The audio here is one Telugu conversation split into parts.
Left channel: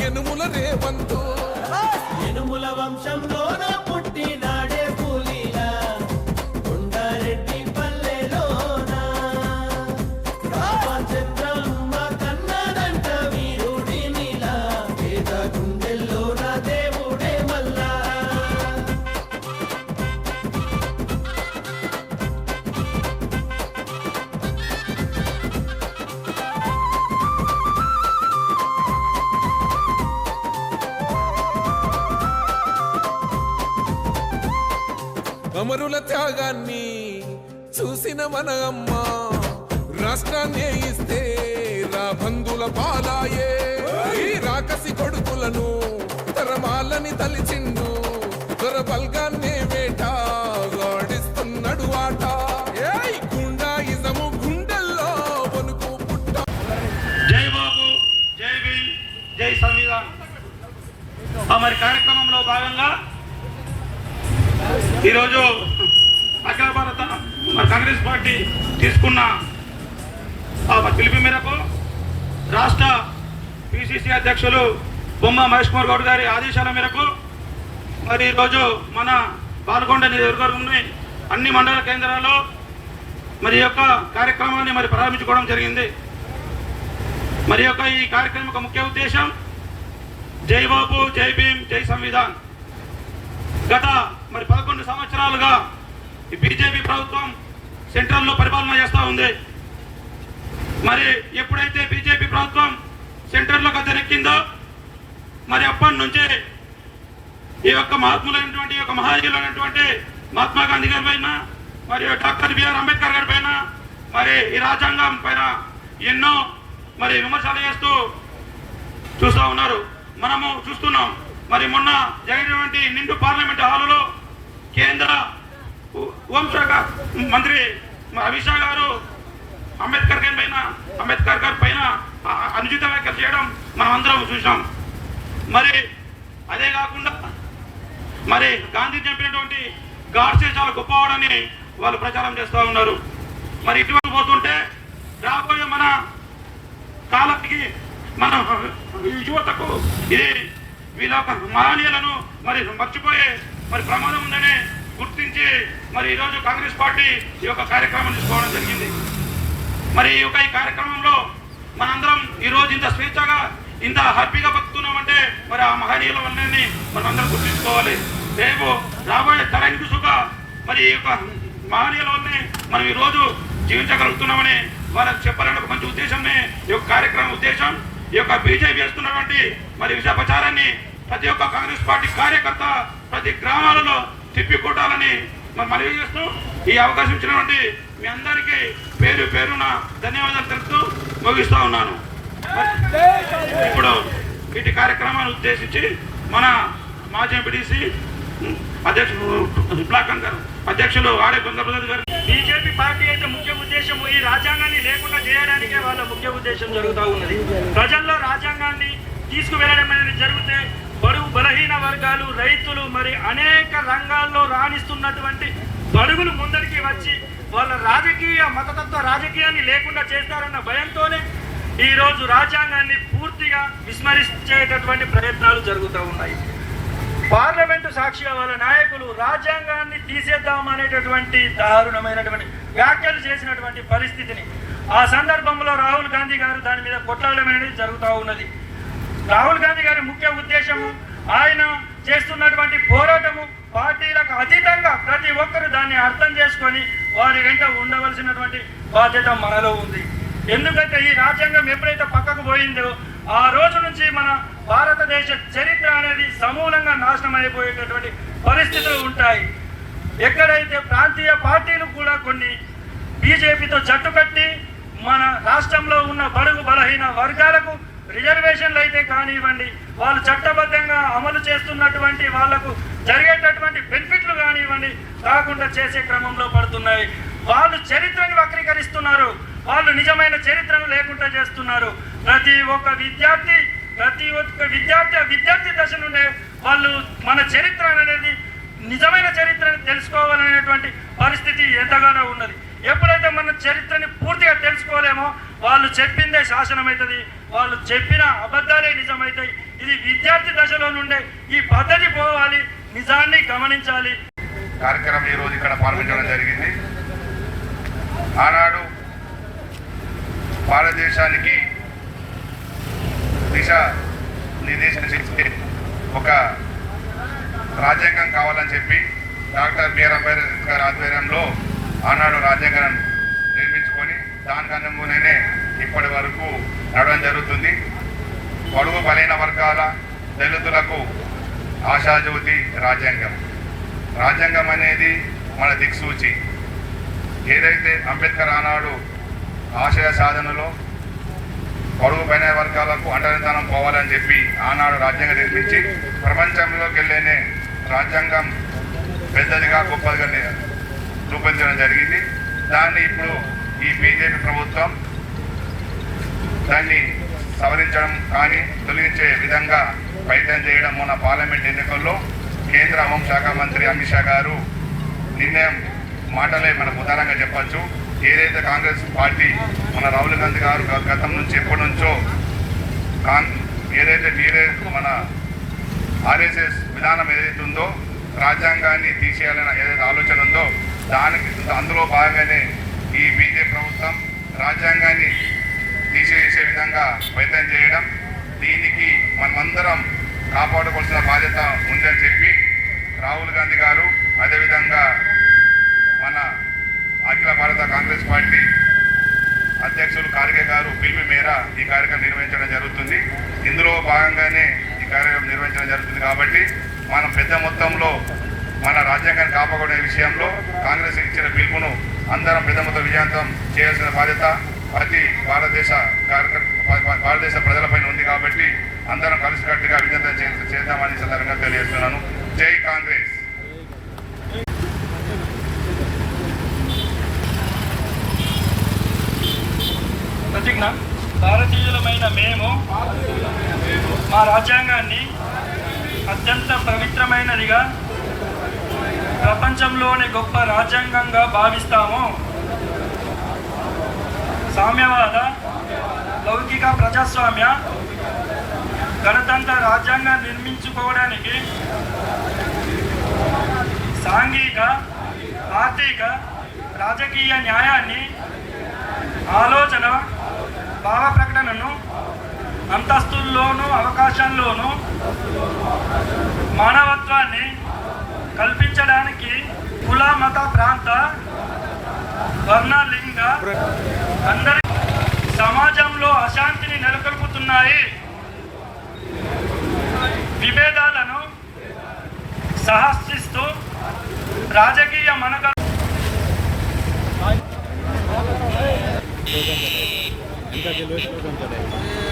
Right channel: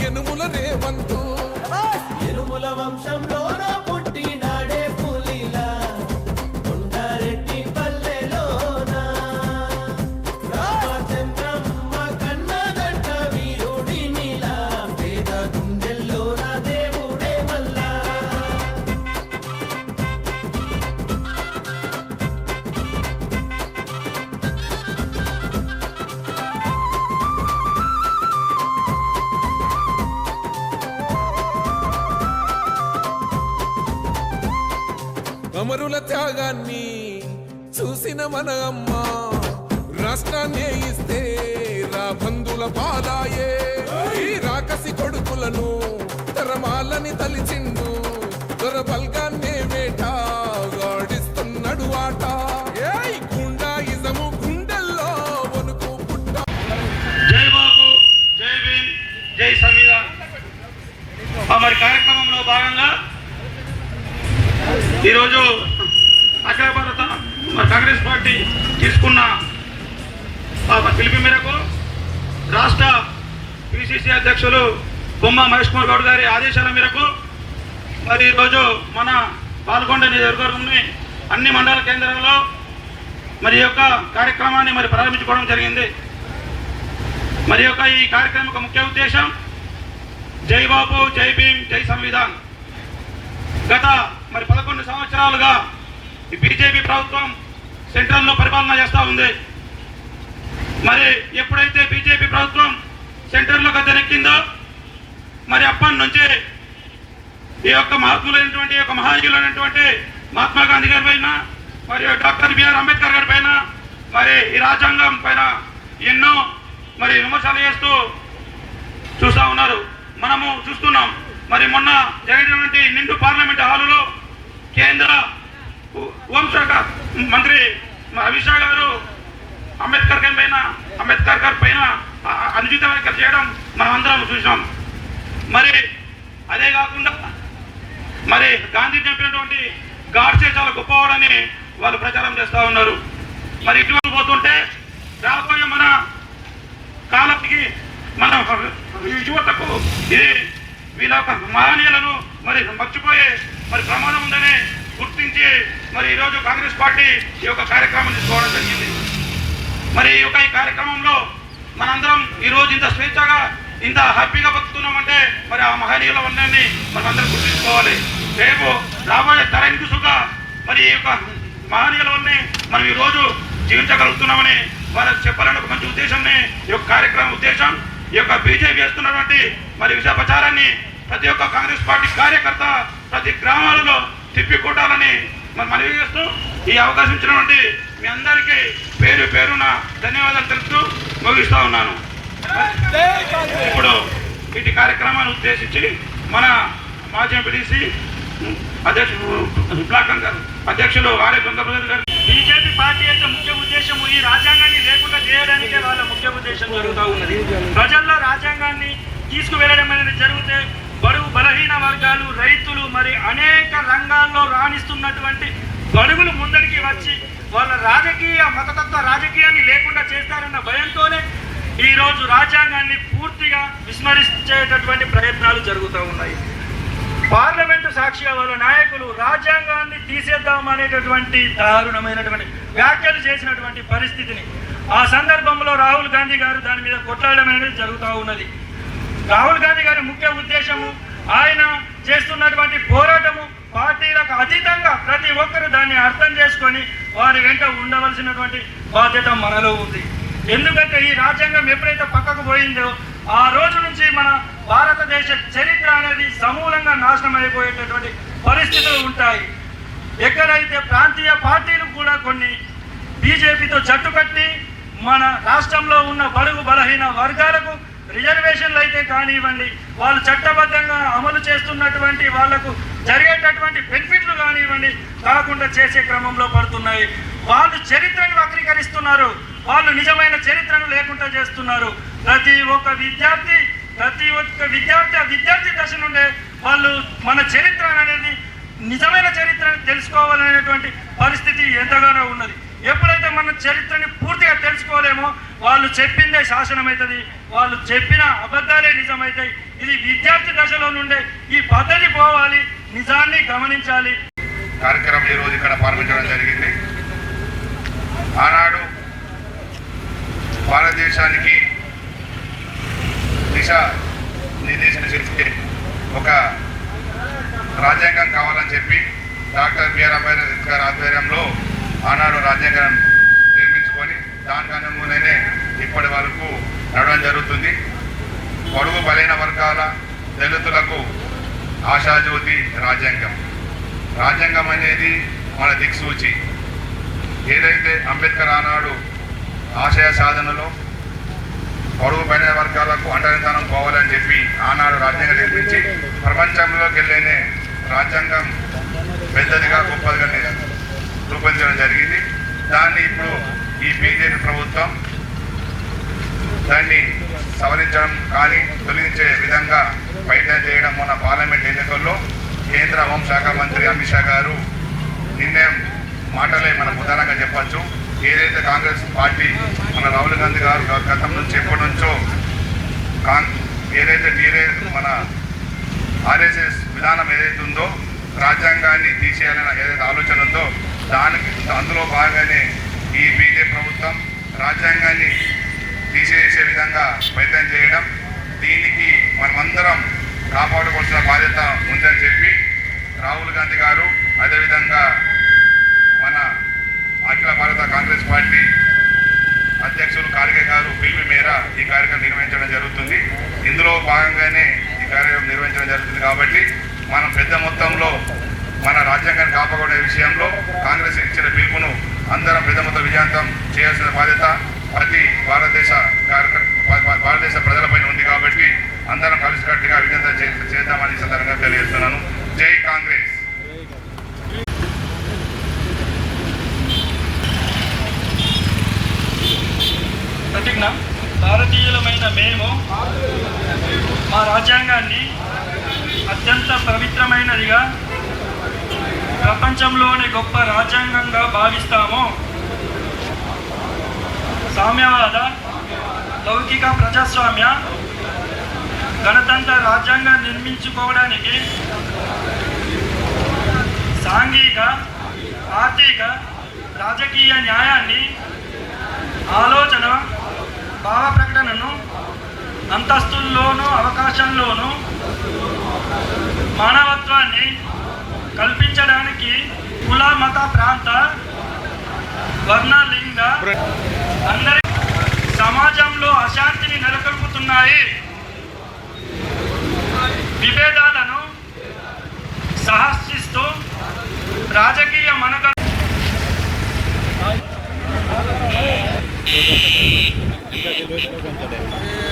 ఎనుముల రేవంతు. ఎనుముల వంశంలోన అమరుల త్యాగాన్ని చూసిన మన అమ్మ రాష్ట్రాన్ని ఇస్తే రా బంధుల పాలాయే. ఈ రాకసి కొడుకులను తరమాలని తలిచిండు దొర బల్గాన్నే వేట గాడిస్తున్నాడు ఆట. ఏయ్ గుండా ఇజము గుండెల్లో వణుకు పుట్ట. జై బాబు జై భీమ్ జై సంవిధాన్. మరి కార్యక్రమంలో భాగంగా ఈరోజు అఖిల భారత మరి కాంగ్రెస్ పార్టీ తీసుకున్న పిలుపు మేరకు రాష్ట్ర పిసిసి అధ్యక్షులు బొమ్మ మహేష్ కుమార్ గౌడ్ గారి ఆదేశాల మేరకు మరి ఈరోజు మన పాల్గొండ నియోజకవర్గంలోని అన్ని మండల కేంద్రాల్లో మరి యొక్క కార్యక్రమాన్ని మరి ప్రారంభించుకోవడం జరిగింది. మరి యొక్క ఈ కార్యక్రమం ముఖ్య ఉద్దేశం జై బాబు జై భీమ్ జై సంవిధాన్. గత మరి పదకొండు సంవత్సరాలుగా ఈ బీజేపీ ప్రభుత్వం సెంట్రల్లో పరిపాలన చేస్తూ ఉంది. మరి ఎప్పుడైతే బీజేపీ ప్రభుత్వం సెంటర్లో గద్దెనెక్కిందో మరి అప్పటి నుంచి ఈ యొక్క మహాత్ములైనటువంటి ఈ యొక్క మహాయులైనటువంటి మహాత్మా గాంధీ గారి పైన మరి డాక్టర్ బిఆర్ అంబేద్కర్ గారి పైన మరి ఈ రాజ్యాంగం పైన ఎన్నో మరి విమర్శలు చేస్తూ చూస్తూ ఉన్నారు. మనము చూస్తున్నాం. మరి మొన్న జరిగినటువంటి నిండు పార్లమెంట్ హాలులో కేంద్ర హోంశాఖ మంత్రి అమిత్ షా గారు అంబేద్కర్ గారి పైన అంబేద్కర్ గారి పైన అనుచిత వ్యాఖ్యలు చేయడం మనం అందరం చూసాం మరి అదే కాకుండా మరి గాంధీ చెప్పినటువంటి గాడ్సే చాలా గొప్పవాడని వాళ్ళు ప్రచారం చేస్తూ ఉన్నారు. మరి ఇటువంటి పోతుంటే రాబోయే మన కాలానికి మన ఈ యువతకు ఇది వీళ్ళ యొక్క మహనీయులను మరి మర్చిపోయే మరి ప్రమాదం ఉందని గుర్తించి మరి ఈరోజు కాంగ్రెస్ పార్టీ ఈ యొక్క కార్యక్రమం తీసుకోవడం జరిగింది. మరి ఈ యొక్క ఈ కార్యక్రమంలో మనందరం ఈ రోజు ఇంత స్వేచ్ఛగా ఇంత హ్యాపీగా బతుకుతున్నామంటే మరి ఆ మహనీయుల ఉన్నన్ని మనం అందరం గుర్తించుకోవాలి. రేపు రాబోయే తరం సుఖ మరి ఈ యొక్క మహనీయుల మనం ఈ రోజు జీవించగలుగుతున్నామని వాళ్ళకి చెప్పాలని ఒక మంచి ఉద్దేశం ఈ యొక్క కార్యక్రమం ఉద్దేశం. ఈ యొక్క బీజేపీ చేస్తున్నటువంటి మరి విష ప్రచారాన్ని ప్రతి ఒక్క కాంగ్రెస్ పార్టీ కార్యకర్త ప్రతి గ్రామాలలో తిప్పికొట్టాలని మరి మనవి చేస్తూ ఈ అవకాశం ఇచ్చినటువంటి మీ అందరికీ పేరు పేరున ధన్యవాదాలు తెలుపుతూ ముగిస్తూ ఉన్నాను. ఇప్పుడు ఇటు కార్యక్రమాన్ని ఉద్దేశించి మన మాజీ ఎంపీడీసీ అధ్యక్షుడు బ్లాక్ అధ్యక్షులు ఆడే చంద్రప్రసాద్ గారు. బీజేపీ పార్టీ అయితే ముఖ్య ఉద్దేశం ఈ రాజ్యాంగాన్ని లేకుండా చేయడానికే వాళ్ళ ముఖ్య ఉద్దేశం జరుగుతూ ఉన్నది. ప్రజల్లో రాజ్యాంగాన్ని తీసుకువెళ్ళడం అనేది జరిగితే బడుగు బలహీన వర్గాలు రైతులు మరి అనేక రంగాల్లో రాణిస్తున్నటువంటి బడుగులు ముందరికి వచ్చి వాళ్ళ రాజకీయ మతతత్వ రాజకీయాన్ని లేకుండా చేస్తారన్న భయంతోనే ఈ రోజు రాజ్యాంగాన్ని పూర్తిగా విస్మరించేటటువంటి ప్రయత్నాలు జరుగుతూ ఉన్నాయి. పార్లమెంటు సాక్షిగా వాళ్ళ నాయకులు రాజ్యాంగాన్ని తీసేద్దాం అనేటటువంటి దారుణమైనటువంటి వ్యాఖ్యలు చేసినటువంటి పరిస్థితిని ఆ సందర్భంలో రాహుల్ గాంధీ గారు దాని మీద కొట్లాడడం అనేది జరుగుతూ ఉన్నది. రాహుల్ గాంధీ గారి ముఖ్య ఉద్దేశము ఆయన చేస్తున్నటువంటి పోరాటము పార్టీలకు అతీతంగా ప్రతి ఒక్కరు దాన్ని అర్థం చేసుకొని వారి వెంట ఉండవలసినటువంటి బాధ్యత మనలో ఉంది. ఎందుకంటే ఈ రాజ్యాంగం ఎప్పుడైతే పక్కకు పోయిందో ఆ రోజు నుంచి మన భారతదేశ చరిత్ర అనేది సమూలంగా నాశనం అయిపోయేటటువంటి పరిస్థితులు ఉంటాయి. ఎక్కడైతే ప్రాంతీయ పార్టీలు కూడా కొన్ని బీజేపీతో జట్టు కట్టి మన రాష్ట్రంలో ఉన్న బడుగు బలహీన వర్గాలకు రిజర్వేషన్లు అయితే కానివ్వండి వాళ్ళు చట్టబద్ధంగా అమలు చేస్తున్నటువంటి వాళ్ళకు జరిగేటటువంటి బెనిఫిట్లు కానివ్వండి కాకుండా చేసే క్రమంలో పడుతున్నాయి. వాళ్ళు చరిత్రను వక్రీకరిస్తున్నారు. వాళ్ళు నిజమైన చరిత్రను లేకుండా చేస్తున్నారు. ప్రతి ఒక్క విద్యార్థి ప్రతి ఒక్క విద్యార్థి విద్యార్థి దశ నుండే వాళ్ళు మన చరిత్ర అనేది నిజమైన చరిత్రను తెలుసుకోవాలనేటువంటి పరిస్థితి ఎంతగానో ఉన్నది. ఎప్పుడైతే మన చరిత్రని పూర్తిగా తెలుసుకోలేమో వాళ్ళు చెప్పిందే శాసనమవుతుంది వాళ్ళు చెప్పిన అబద్ధాలే నిజమవుతాయి ఇది విద్యార్థి దశలో నుండే ఈ పద్ధతి పోవాలి నిజాన్ని గమనించాలి. కార్యక్రమం ఈ రోజు ఇక్కడ పాల్గొనడం జరిగింది. ఆనాడు భారతదేశానికి దిశ నిర్దేశం చేస్తే ఒక రాజ్యాంగం కావాలని చెప్పి డాక్టర్ బిఆర్ అంబేద్కర్ ఆధ్వర్యంలో ఆనాడు రాజ్యాంగం నిర్మించుకొని దాని అనుగుణనే ఇప్పటి వరకు నడవడం జరుగుతుంది. పొడవు బలైన వర్గాల దళితులకు ఆశాజ్యోతి రాజ్యాంగం. రాజ్యాంగం అనేది మన దిక్సూచి. ఏదైతే అంబేద్కర్ ఆనాడు ఆశయ సాధనలో పరుగు పైన వర్గాలకు అండనిధానం పోవాలని చెప్పి ఆనాడు రాజ్యాంగం నిర్మించి ప్రపంచంలోకి వెళ్ళేనే రాజ్యాంగం పెద్దదిగా గొప్పదిగా రూపొందించడం జరిగింది. దాన్ని ఇప్పుడు ఈ బీజేపీ ప్రభుత్వం దాన్ని సవరించడం కానీ తొలగించే విధంగా ప్రయత్నం చేయడం మొన్న పార్లమెంట్ ఎన్నికల్లో కేంద్ర హోంశాఖ మంత్రి అమిత్ షా గారు నిర్ణయం మాటలే మనకు ఉదాహరణగా చెప్పచ్చు. ఏదైతే కాంగ్రెస్ పార్టీ మన రాహుల్ గాంధీ గారు గ- గతం నుంచి ఎప్పటి నుంచో ఏదైతే టీఆర్ఎస్ మన ఆర్ఎస్ఎస్ విధానం ఏదైతే ఉందో రాజ్యాంగాన్ని తీసేయాలని ఏదైతే ఆలోచన ఉందో దానికి అందులో భాగంగానే ఈ బీజేపీ ప్రభుత్వం రాజ్యాంగాన్ని తీసేసే విధంగా ప్రయత్నం చేయడం దీనికి మనమందరం కాపాడుకోవాల్సిన బాధ్యత ఉందని చెప్పి రాహుల్ గాంధీ గారు అదేవిధంగా మన అఖిల భారత కాంగ్రెస్ పార్టీ అధ్యక్షులు ఖార్గే గారు పిలుపు మేర ఈ కార్యక్రమం నిర్వహించడం జరుగుతుంది. ఇందులో భాగంగానే ఈ కార్యక్రమం నిర్వహించడం జరుగుతుంది కాబట్టి మనం పెద్ద మొత్తంలో మన రాజ్యాంగాన్ని కాపాడే విషయంలో కాంగ్రెస్ ఇచ్చిన పిలుపును అందరం పెద్ద మొత్తం విజయంతం చేయాల్సిన బాధ్యత ప్రతి భారతదేశ కార్యక్రమ భారతదేశ ప్రజలపైన ఉంది కాబట్టి అందరం కలిసికట్టుగా విజయంతం చేయాలి చేద్దామని ఈ సందర్భంగా తెలియజేస్తున్నాను జై కాంగ్రెస్ ప్రతిజ్ఞ భారతీయులమైన మేము మా రాజ్యాంగాన్ని అత్యంత పవిత్రమైనదిగా ప్రపంచంలోని గొప్ప రాజ్యాంగంగా భావిస్తాము. సామ్యవాద లౌకిక ప్రజాస్వామ్య గణతంత్ర రాజ్యాంగం నిర్మించుకోవడానికి సాంఘిక ఆర్థిక రాజకీయ న్యాయాన్ని ఆలోచన భావ ప్రకటనను అంతస్తుల్లోనూ అవకాశంలోనూ మానవత్వాన్ని కల్పించడానికి కుల మత ప్రాంత వర్ణ లింగ అందరి సమాజంలో అశాంతిని నెలకొల్పుతున్నాయి. విభేదాలను సహసిస్తూ రాజకీయ మనగ మూడు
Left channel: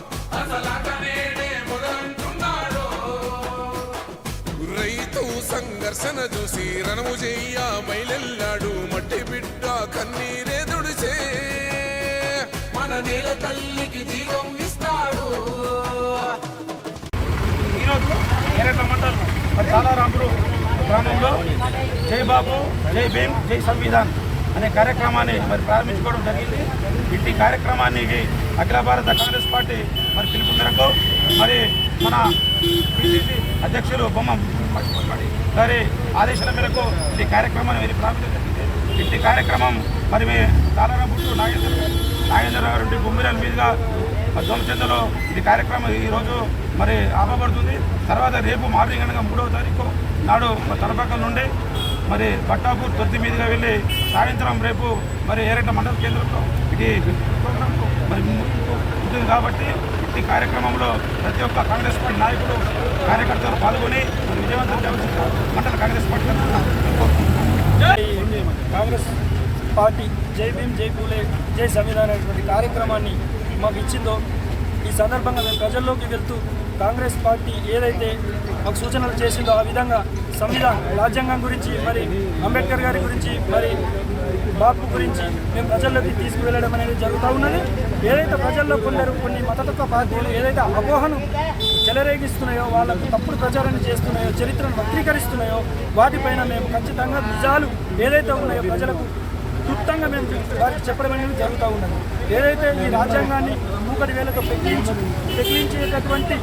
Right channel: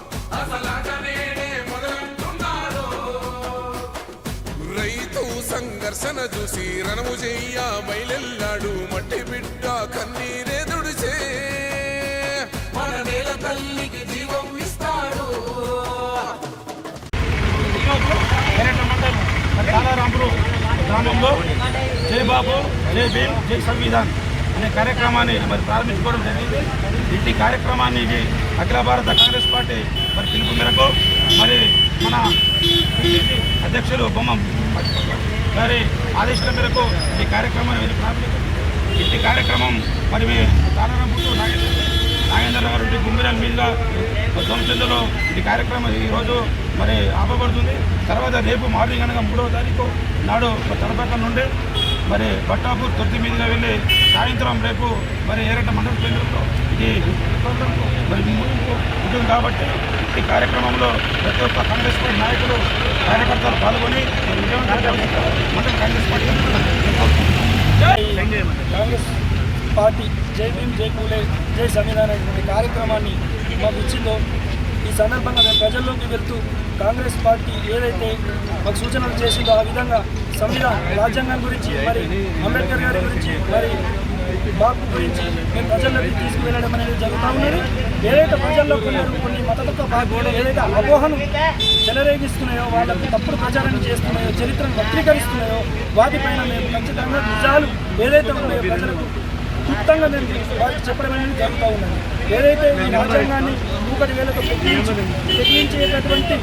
రైతు సంఘర్షణ చూసి రణము చెయ్య బయలెల్లాడు మట్టి బిడ్డ కన్నీరే దుడిచే మన నేల తల్లికి జీవం ఇస్తాడు. ఈరోజు ఎర్రట మండలం మరి గ్రామంలో జై బాబు జై భీమ్ జై సంవిధాన్ అనే కార్యక్రమాన్ని మరి ప్రారంభించుకోవడం జరిగింది. ఇట్టి కార్యక్రమాన్ని అఖిల భారత కాంగ్రెస్ పార్టీ పిలుపు మేరకు మరి మన పిసిసి అధ్యక్షులు బొమ్మ గారి ఆదేశాల మేరకు ఈ కార్యక్రమాన్ని మరి ప్రారంభించారు ఇట్టి కార్యక్రమం మరి మీ తాళారాంపురు నాగేంద్ర నాగేంద్రరావు రెడ్డి గుమ్మిరాల మీదుగా సోమచంద్రలో ఈ కార్యక్రమం ఈరోజు మరి ఆపబడుతుంది. తర్వాత రేపు మార్నింగ్ అనగా మూడవ తారీఖు నాడు తలపక్క నుండి మరి బట్టాపూర్ తొర్తి మీదుగా వెళ్ళి సాయంత్రం రేపు మరి ఏరట మండల కేంద్రంలో ఇది మరి ముగింపు ఉంటుంది కాబట్టి ఈ కార్యక్రమంలో ప్రతి ఒక్క కాంగ్రెస్ పార్టీ నాయకులు కార్యకర్తలు పాల్గొని మండల కాంగ్రెస్ పార్టీ కాంగ్రెస్ పార్టీ జై భీమ్ జై పూలే జై సంవిధాన్ అనేటువంటి కార్యక్రమాన్ని మాకు ఇచ్చిందో ఈ సందర్భంగా మేము ప్రజల్లోకి వెళ్తూ కాంగ్రెస్ పార్టీ ఏదైతే మాకు సూచనలు చేసిందో ఆ విధంగా సంవిధాన్ రాజ్యాంగం గురించి మరి అంబేద్కర్ గారి గురించి మరి బాపు గురించి మేము ప్రజల్లోకి తీసుకువెళ్ళడం అనేది జరుగుతూ ఉన్నది. ఏదైతే ప్రజల్లో కొందరు కొన్ని మతతత్వ పార్టీలు ఏదైతే అపోహను చెలరేగిస్తున్నాయో వాళ్ళకు తప్పుడు ప్రచారాన్ని చేస్తున్నాయో చరిత్రను వక్రీకరిస్తున్నాయో వాటిపైన మేము ఖచ్చితంగా నిజాలు ఏదైతే ఉన్నాయో ప్రజలకు క్లుప్తంగా మేము వారికి చెప్పడం అనేది జరుగుతూ ఉన్నది. ఏదైతే ఈ రాజ్యాంగాన్ని మూకటి వేలతో ప్రకటించేటటువంటి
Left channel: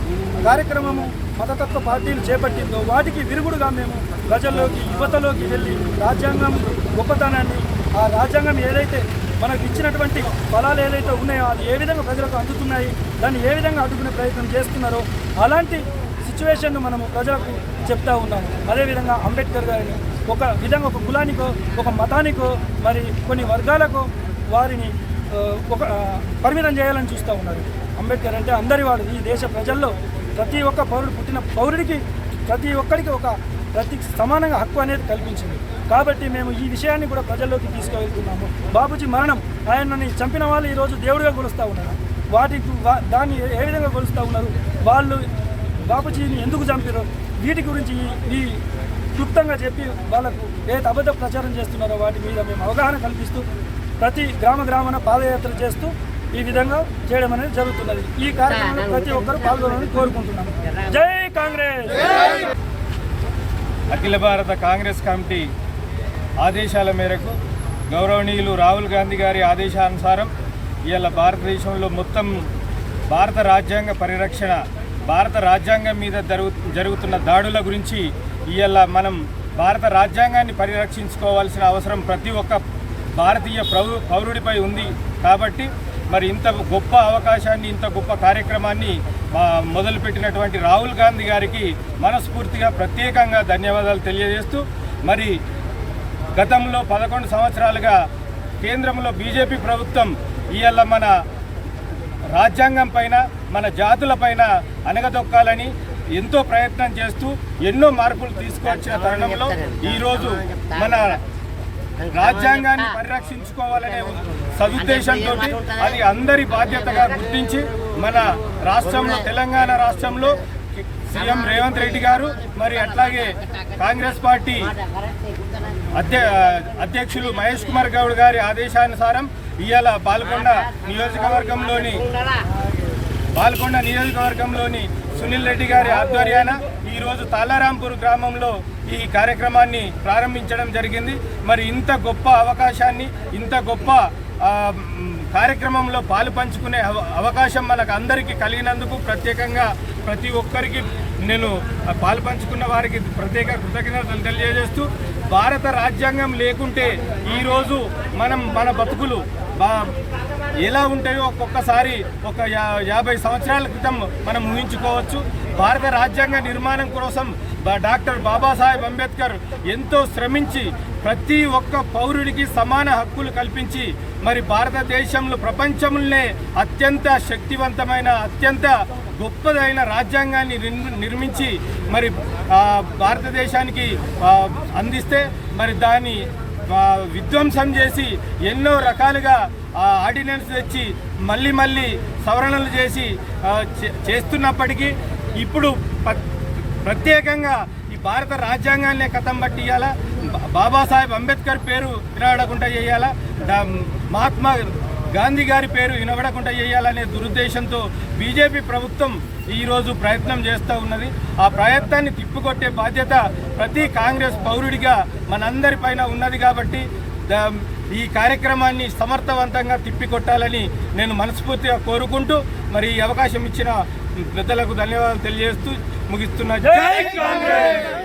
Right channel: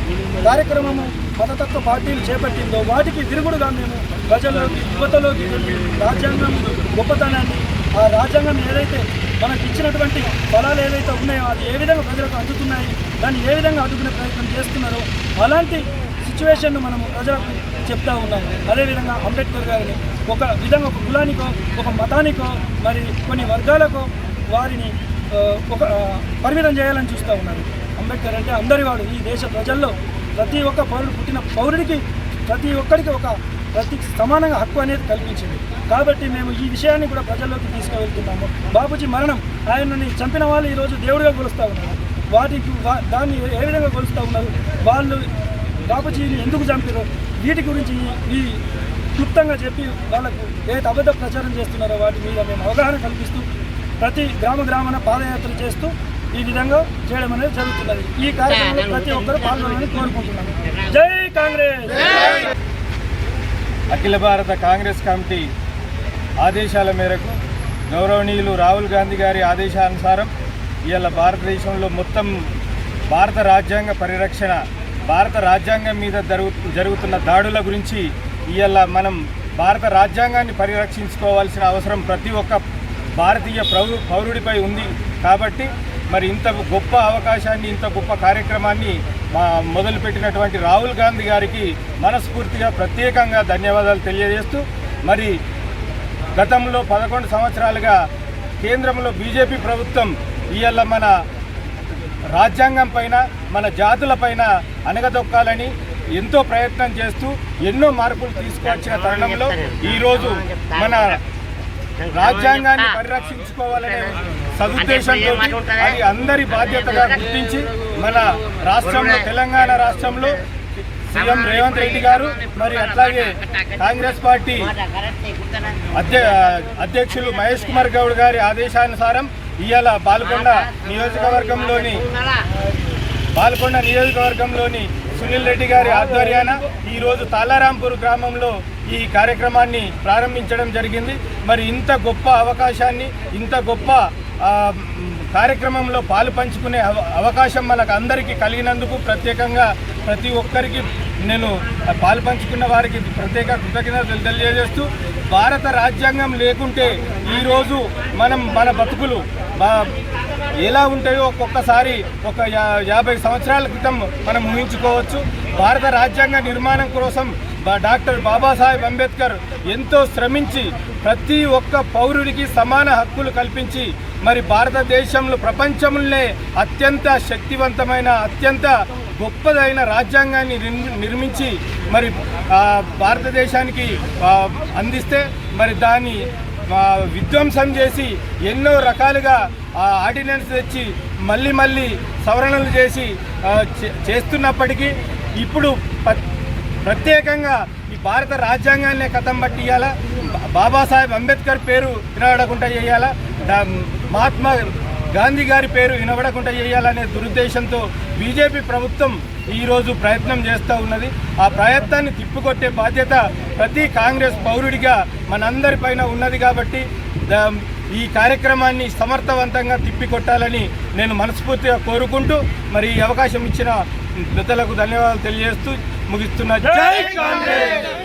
కార్యక్రమము మతతత్వ పార్టీలు చేపట్టిందో వాటికి విరుగుడుగా మేము ప్రజల్లోకి యువతలోకి వెళ్ళి రాజ్యాంగం గొప్పతనాన్ని ఆ రాజ్యాంగం ఏదైతే మనకు ఇచ్చినటువంటి ఫలాలు ఏవైతే ఉన్నాయో అది ఏ విధంగా ప్రజలకు అందుతున్నాయి దాన్ని ఏ విధంగా అడ్డుకునే ప్రయత్నం చేస్తున్నారో అలాంటి సిచ్యువేషన్ను మనము ప్రజలకు చెప్తా ఉన్నాము. అదేవిధంగా అంబేద్కర్ గారిని ఒక విధంగా ఒక కులానికో ఒక మతానికో మరి కొన్ని వర్గాలకో వారిని ఒక పరిమితం చేయాలని చూస్తూ ఉన్నారు. అంబేద్కర్ అంటే అందరి వాడు ఈ దేశ ప్రజల్లో ప్రతి ఒక్క పౌరుడు పుట్టిన పౌరుడికి ప్రతి ఒక్కరికి ఒక ప్రతి సమానంగా హక్కు అనేది కల్పించింది. కాబట్టి మేము ఈ విషయాన్ని కూడా ప్రజల్లోకి తీసుకువెళ్తున్నాము. బాబుజీ మరణం ఆయనని చంపిన వాళ్ళు ఈరోజు దేవుడిగా కొలుస్తూ ఉన్నారు. వాటికి వా- దాన్ని ఏ- విధంగా కొలుస్తూ ఉన్నారు? వాళ్ళు బాబుజీని ఎందుకు చంపారు వీటి గురించి ఈ క్లుప్తంగా చెప్పి వాళ్ళకు ఏదైతే అబద్ధ ప్రచారం చేస్తున్నారో వాటి మీద మేము అవగాహన కల్పిస్తూ ప్రతి గ్రామ గ్రామాన పాదయాత్ర చేస్తూ ఈ విధంగా చేయడం అనేది జరుగుతున్నది. ఈ కార్యక్రమంలో ప్రతి ఒక్కరూ పాల్గొనాలని కోరుకుంటున్నాను జై కాంగ్రెస్! అఖిల భారత కాంగ్రెస్ కమిటీ ఆదేశాల మేరకు గౌరవనీయులు రాహుల్ గాంధీ గారి ఆదేశానుసారం ఇవాళ భారతదేశంలో మొత్తం భారత రాజ్యాంగ పరిరక్షణ భారత రాజ్యాంగం మీద జరుగు జరుగుతున్న దాడుల గురించి ఇవాళ మనం భారత రాజ్యాంగాన్ని పరిరక్షించుకోవాల్సిన అవసరం ప్రతి ఒక్క భారతీయ పౌరు పౌరుడిపై ఉంది కాబట్టి మరి ఇంత గొప్ప అవకాశాన్ని ఇంత గొప్ప కార్యక్రమాన్ని మా మొదలుపెట్టినటువంటి రాహుల్ గాంధీ గారికి మనస్ఫూర్తిగా ప్రత్యేకంగా ధన్యవాదాలు తెలియజేస్తూ మరి గతంలో పదకొండు సంవత్సరాలుగా కేంద్రంలో బీజేపీ ప్రభుత్వం ఇవాళ మన రాజ్యాంగం పైన మన జాతుల పైన అనగదొక్కాలని ఎంతో ప్రయత్నం చేస్తూ ఎన్నో మార్పులు తీసుకొచ్చిన తరుణంలో ఈరోజు మన రాజ్యాంగాన్ని పరిరక్షించుకోవాలనే సదుద్దేశంతో అది అందరి బాధ్యతగా గుర్తించి మన రాష్ట్రంలో తెలంగాణ రాష్ట్రంలో సీఎం రేవంత్ రెడ్డి గారు మరి అట్లాగే కాంగ్రెస్ పార్టీ అధ్య అధ్యక్షులు మహేష్ కుమార్ గౌడ్ గారి ఆదేశానుసారం ఇవాళ పాల్గొండ నియోజకవర్గంలోని బాల్కొండ నియోజకవర్గంలోని సునీల్ రెడ్డి గారి ఆధ్వర్యాన ఈరోజు తాలారాంపూర్ గ్రామంలో ఈ కార్యక్రమాన్ని ప్రారంభించడం జరిగింది. మరి ఇంత గొప్ప అవకాశాన్ని ఇంత గొప్ప కార్యక్రమంలో పాలు పంచుకునే అవ- అవకాశం మనకు అందరికీ కలిగినందుకు ప్రత్యేకంగా ప్రతి ఒక్కరికి నేను పాలు పంచుకున్న వారికి ప్రత్యేక కృతజ్ఞతలు తెలియజేస్తూ భారత రాజ్యాంగం లేకుంటే ఈరోజు మనం మన బతుకులు ఎలా ఉంటాయో ఒక్కొక్కసారి ఒక యా- యాభై సంవత్సరాల క్రితం మనం ఊహించుకోవచ్చు. భారత రాజ్యాంగ నిర్మాణం కోసం డాక్టర్ బాబాసాహెబ్ అంబేద్కర్ ఎంతో శ్రమించి ప్రతి ఒక్క పౌరుడికి సమాన హక్కులు కల్పించి మరి భారతదేశంలో ప్రపంచంలోనే అత్యంత శక్తివంతమైన అత్యంత గొప్పదైన రాజ్యాంగాన్ని నిర్మించి మరి భారతదేశానికి అందిస్తే మరి దాన్ని విధ్వంసం చేసి ఎన్నో రకాలుగా ఆర్డినెన్స్ తెచ్చి మళ్ళీ మళ్ళీ సవరణలు చేసి చే- చేస్తున్నప్పటికీ ఇప్పుడు ప్రత్యేకంగా ఈ భారత రాజ్యాంగాన్నే కథం బట్టి ఇవ్వాలా బాబాసాహెబ్ అంబేద్కర్ పేరు వినబడకుండా చేయాలా? మహాత్మా గాంధీ గారి పేరు వినబడకుండా చేయాలనే దురుద్దేశంతో బీజేపీ ప్రభుత్వం ఈరోజు ప్రయత్నం చేస్తూ ఉన్నది. ఆ ప్రయత్నాన్ని తిప్పికొట్టే బాధ్యత ప్రతి కాంగ్రెస్ పౌరుడిగా మనందరిపైన ఉన్నది కాబట్టి దా- ఈ కార్యక్రమాన్ని సమర్థవంతంగా తిప్పికొట్టాలని నేను మనస్ఫూర్తిగా కోరుకుంటూ మరి ఈ అవకాశం ఇచ్చిన పెద్దలకు ధన్యవాదాలు తెలియజేస్తూ ముగిస్తున్నా జై కాంగ్రెస్!